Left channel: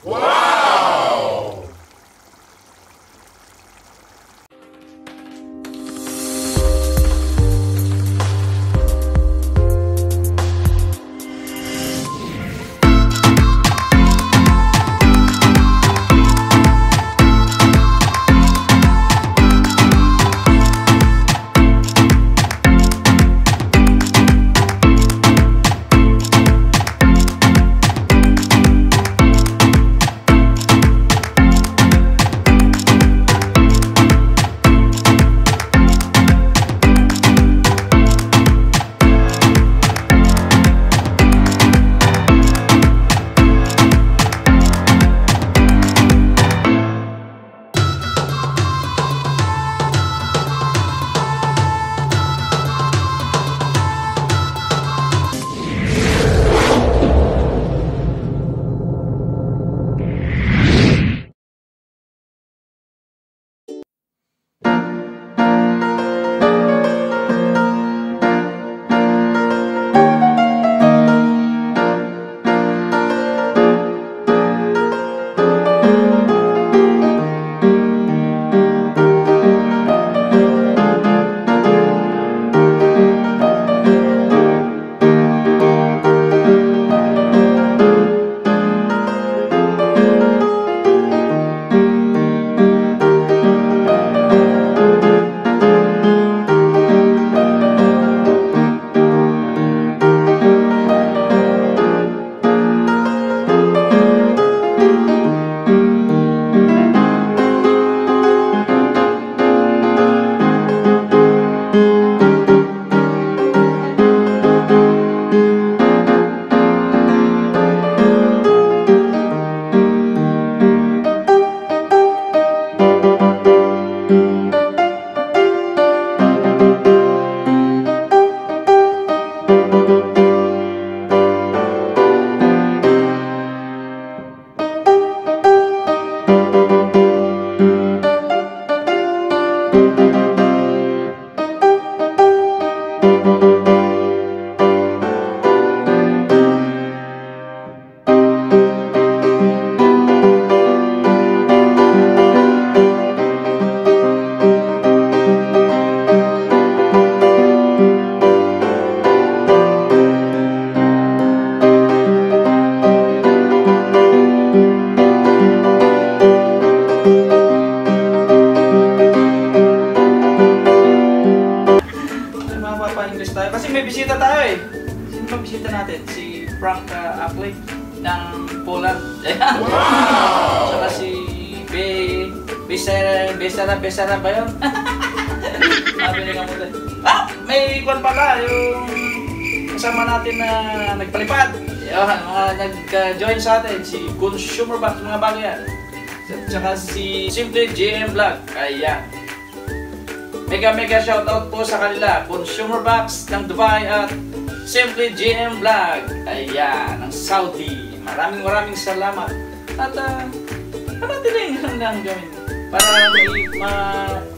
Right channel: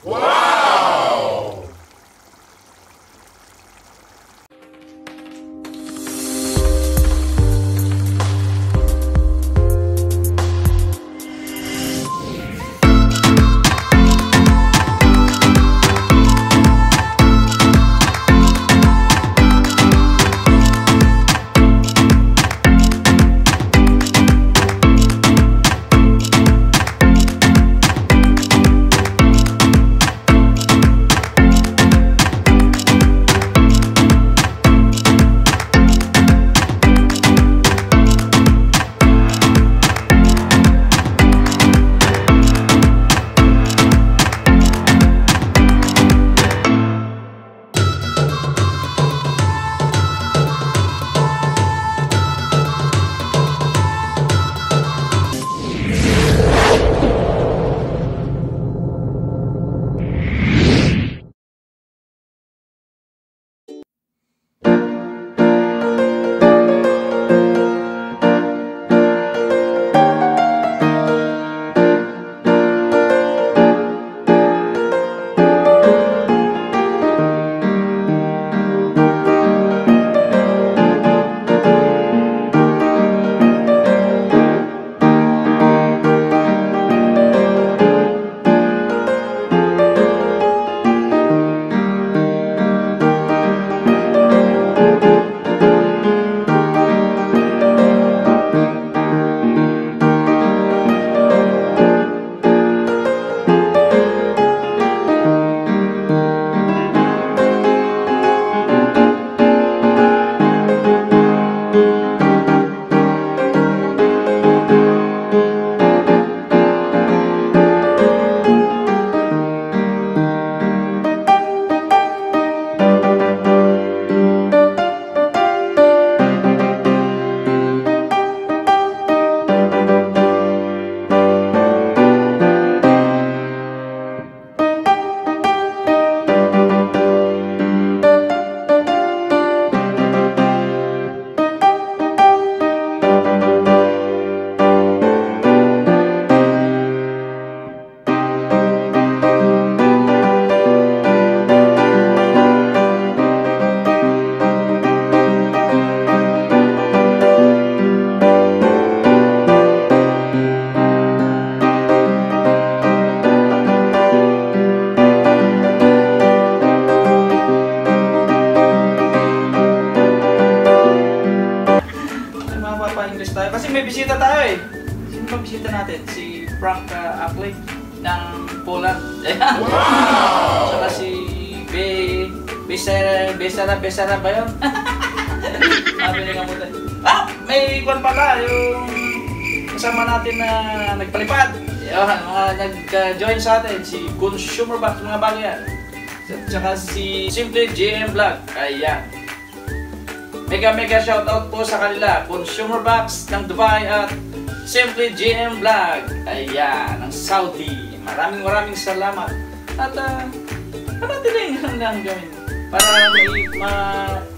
Wow! Mapapa-English tayo kasi may bisita tayo eh. Sino ba bisita natin? Si Frank Akley ng Poland. Ayan. Wow! Saka si Besara ba yun? Sabi ka mo tayo. Ah! May kwan pala yung kasama natin na nagpalipad. Ayan, mga nag-join sa atin. Si Consumer Box, mga bago yan. Saka si Simply GM Vlog. Ayan. Mega shoutout po sa kanila. Consumer Box ng Dubai at Simply GM Vlog. Ayan, ng Saudi. Maraming salamat. At natin na yung hanggang gawin. Para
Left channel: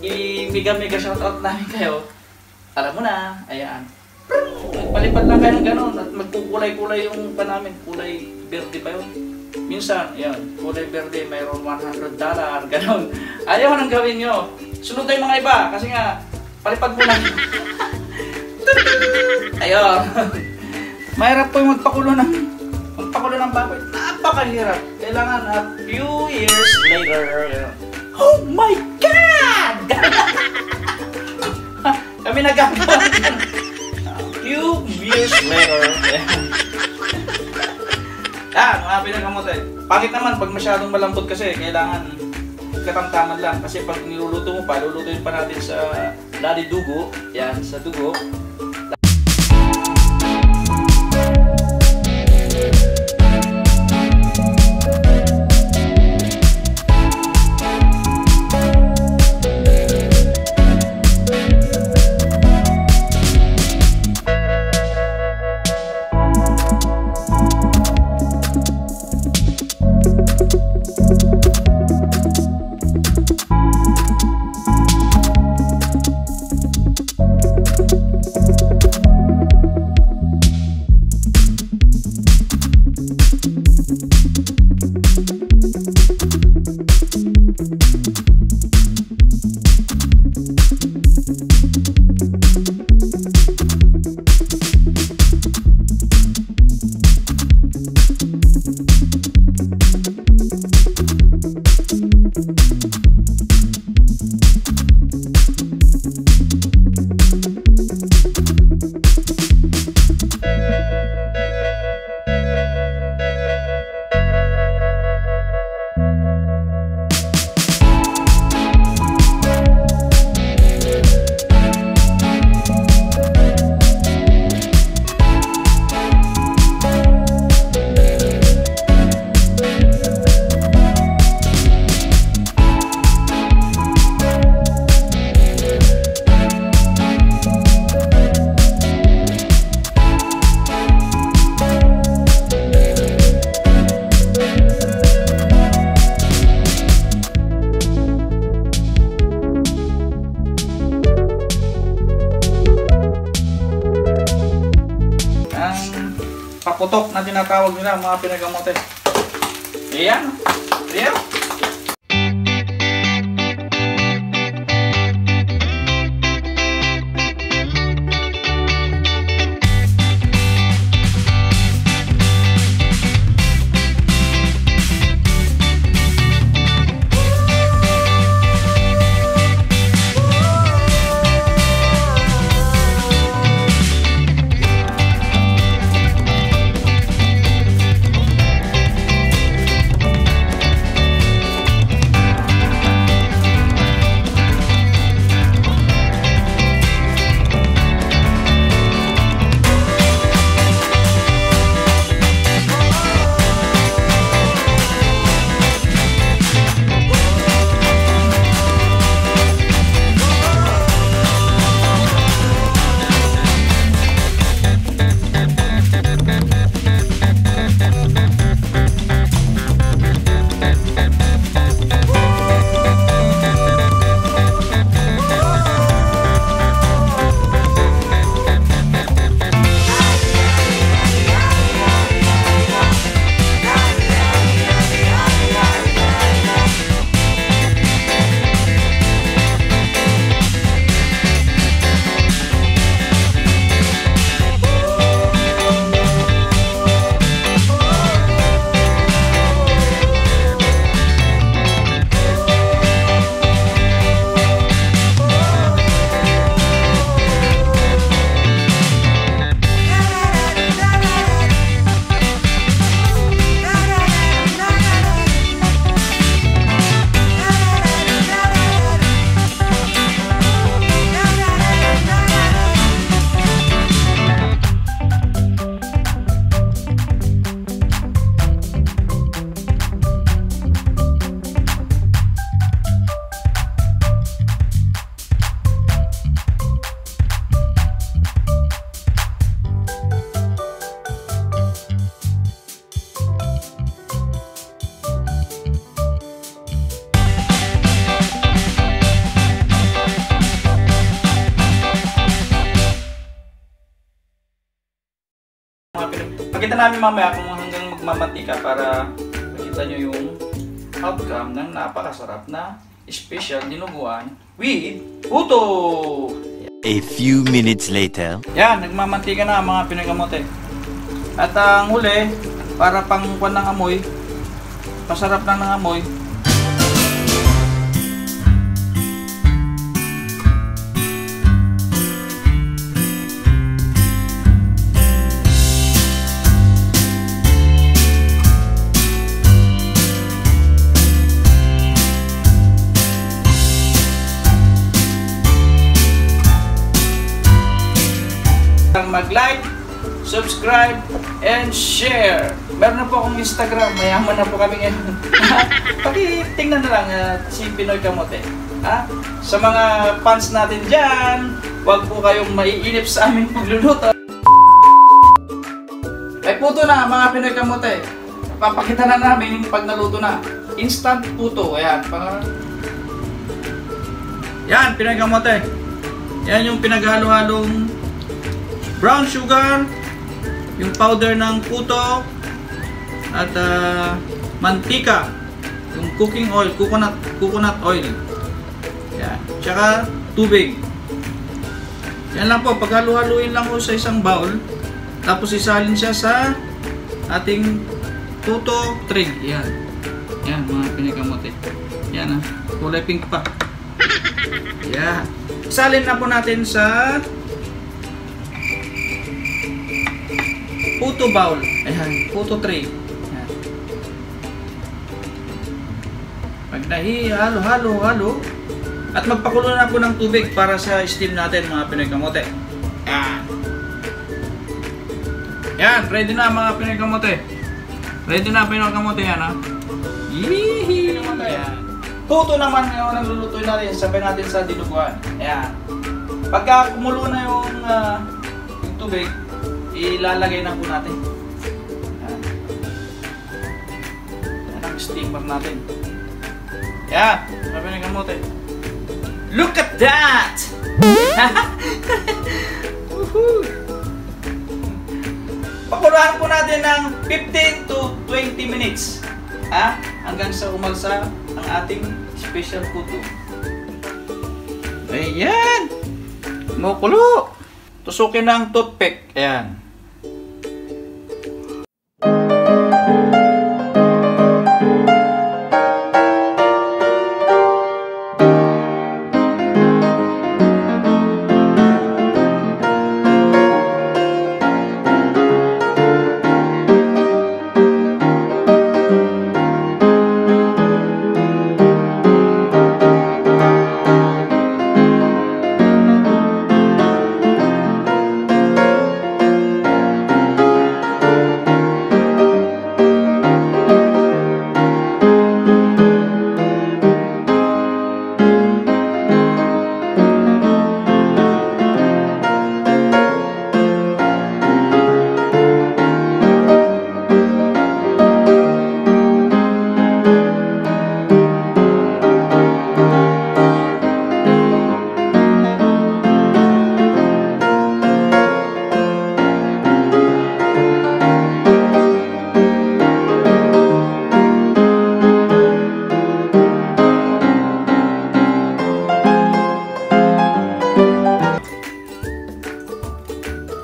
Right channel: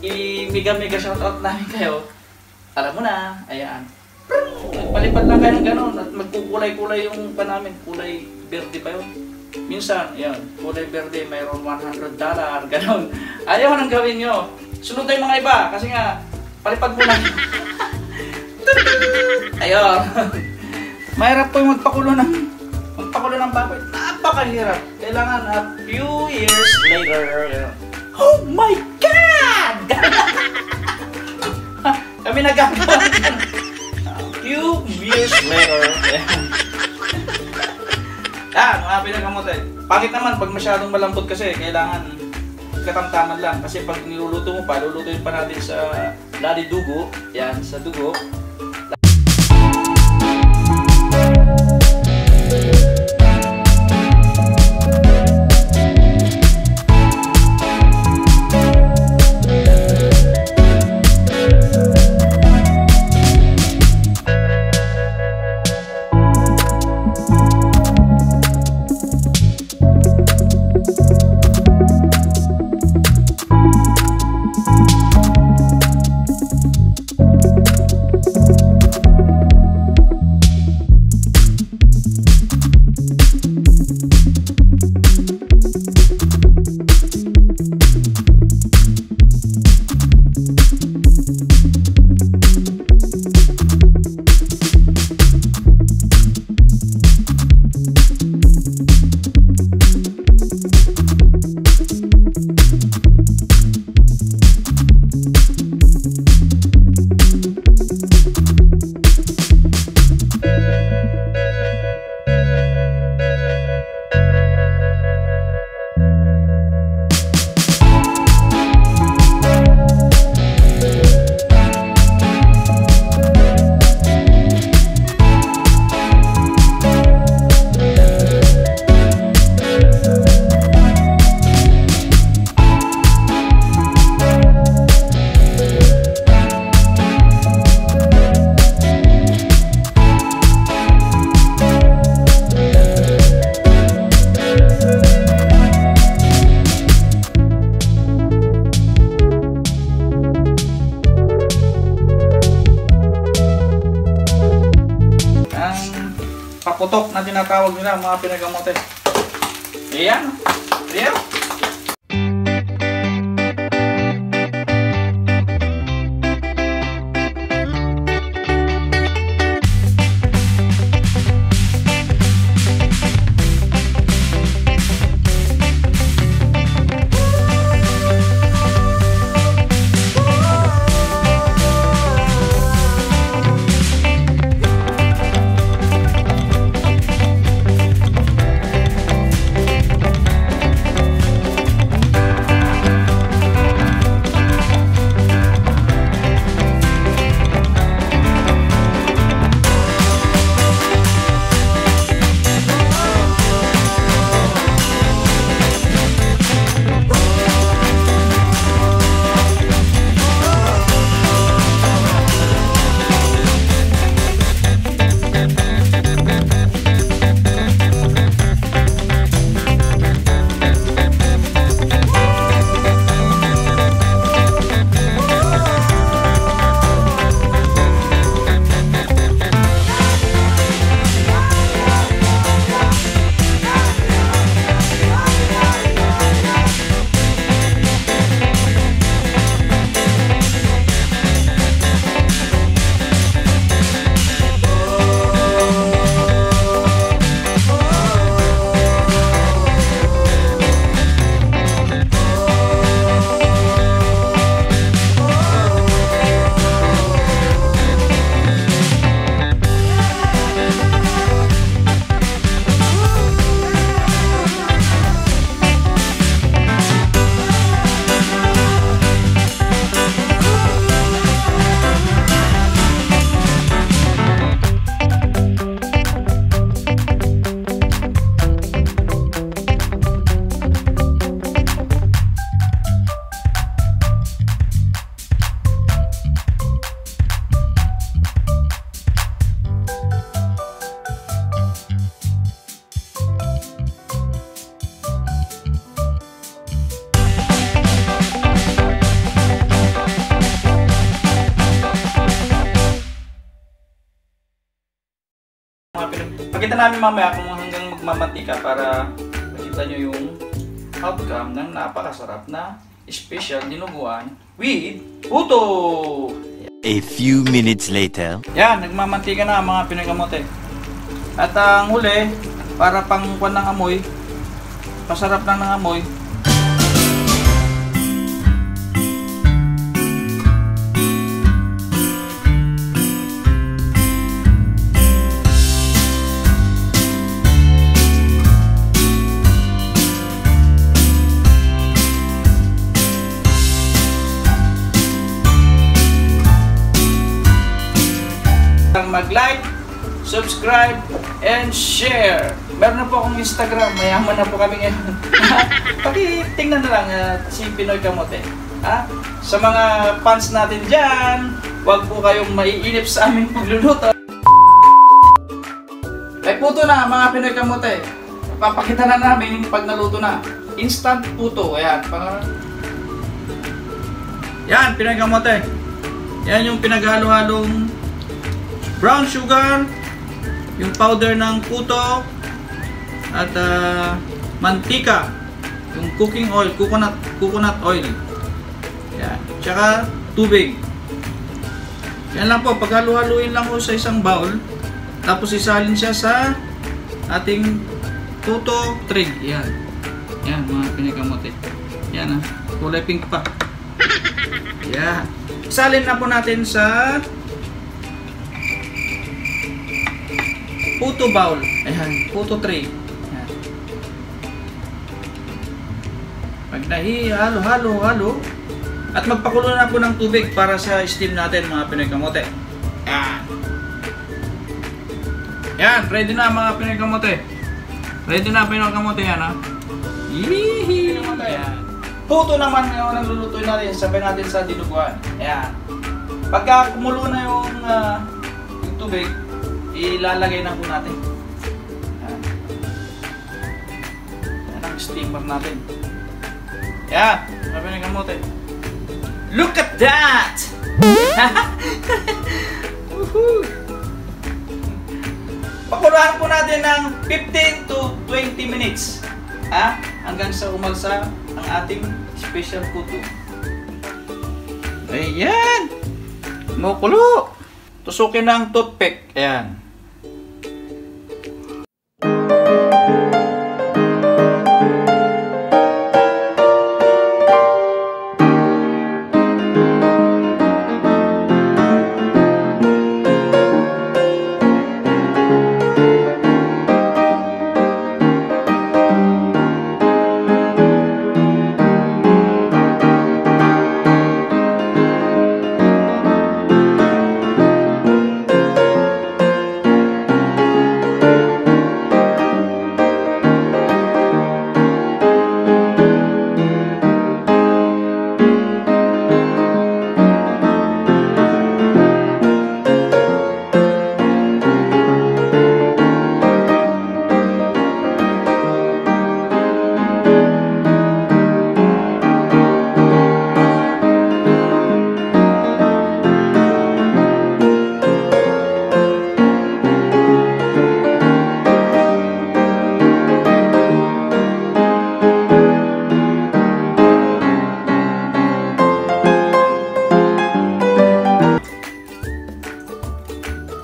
i-mega shoutout namin kayo. Alam mo na, ayan. Nagpalipad lang kayo ng gano'n at magkukulay-kulay yung pa namin. Kulay berde ba yun? Minsan, ayan, kulay berde, mayroon $100, gano'n. Ayaw nang gawin nyo. Sunod tayo mga iba, kasi nga, palipad mo lang. Ayun. Mahirap po yung magpakulo ng baboy. Napakahirap. Kailangan a few years later. Oh my God! Kami nagagawa yan. A few years later. Mga pinakamote. Pangit naman pag masyadong malambot kasi, kailangan katamtaman lang. Kasi pag niluluto mo pa, lulutuin pa natin sa lali dugo. Yan, sa dugo. tinatawag nila mga Pinoy kamote. Ayan. Ayan. Pakita namin mamaya kung hanggang magmamantika para makita nyo yung outcome ng napakasarap na special dinuguan with puto! A few minutes later. Yan, nagmamantika na mga Pinoy kamote. At ang huli, para pangkuan ng amoy, pasarap lang ng amoy, mag-like, subscribe, and share. Meron na po akong Instagram, mayaman na po kami ngayon. Pakitingnan na lang si Pinoy Kamote. Sa mga fans natin dyan, huwag po kayong maiinip sa aming pagluluto. Ay puto na mga Pinoy Kamote. Papakita na namin pag naluto na. Instant puto. Ayan. Yan, Pinoy Kamote. Yan yung pinaghalo-halong brown sugar, yung powder ng puto, at mantika, yung cooking oil, coconut oil. Yan. Tsaka tubig. Yan lang po, paghalo-haluin lang po sa isang bowl, tapos isalin siya sa ating puto trig. Yan. Yan mga Pinoy Kamote. Yan kulay pink pa. Yan. Isalin na po natin sa puto bowl. Ayan, puto tray. Ayan. Pag halo. At magpakulo na po ng tubig para sa steam natin mga Pinoy Kamote. Ayan. Yan, ready na mga Pinoy Kamote. Ready na Pinoy Kamote yan ha. Yee! Ayan. Puto naman ngayon ang lulutuin natin. Sabay natin sa dinuguan. Ayan. Pagka kumulo na yung tubig, ilalagay na po natin. Yan ang steamer natin. Yan. Sabi ng kamote. Look at that! Pakuluan po natin ng 15 to 20 minutes. Hanggang sa umalsa ang ating special puto. Ayan! Kumukulo! Tusukin ng toothpick. Ayan.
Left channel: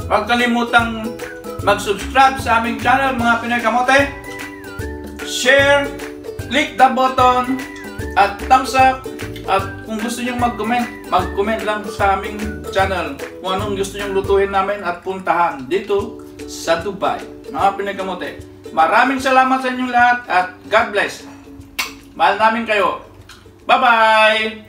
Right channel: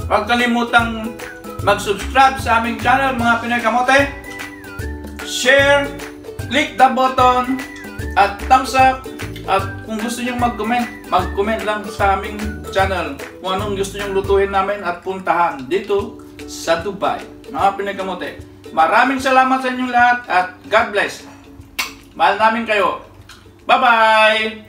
Huwag kalimutang mag-subscribe sa aming channel mga Pinoy Kamote. Share, click the button, at thumbs up. At kung gusto nyo mag-comment lang sa aming channel kung anong gusto nyo lutuin namin at puntahan dito sa Dubai. Mga Pinoy Kamote, maraming salamat sa inyong lahat at God bless. Mahal namin kayo. Bye-bye!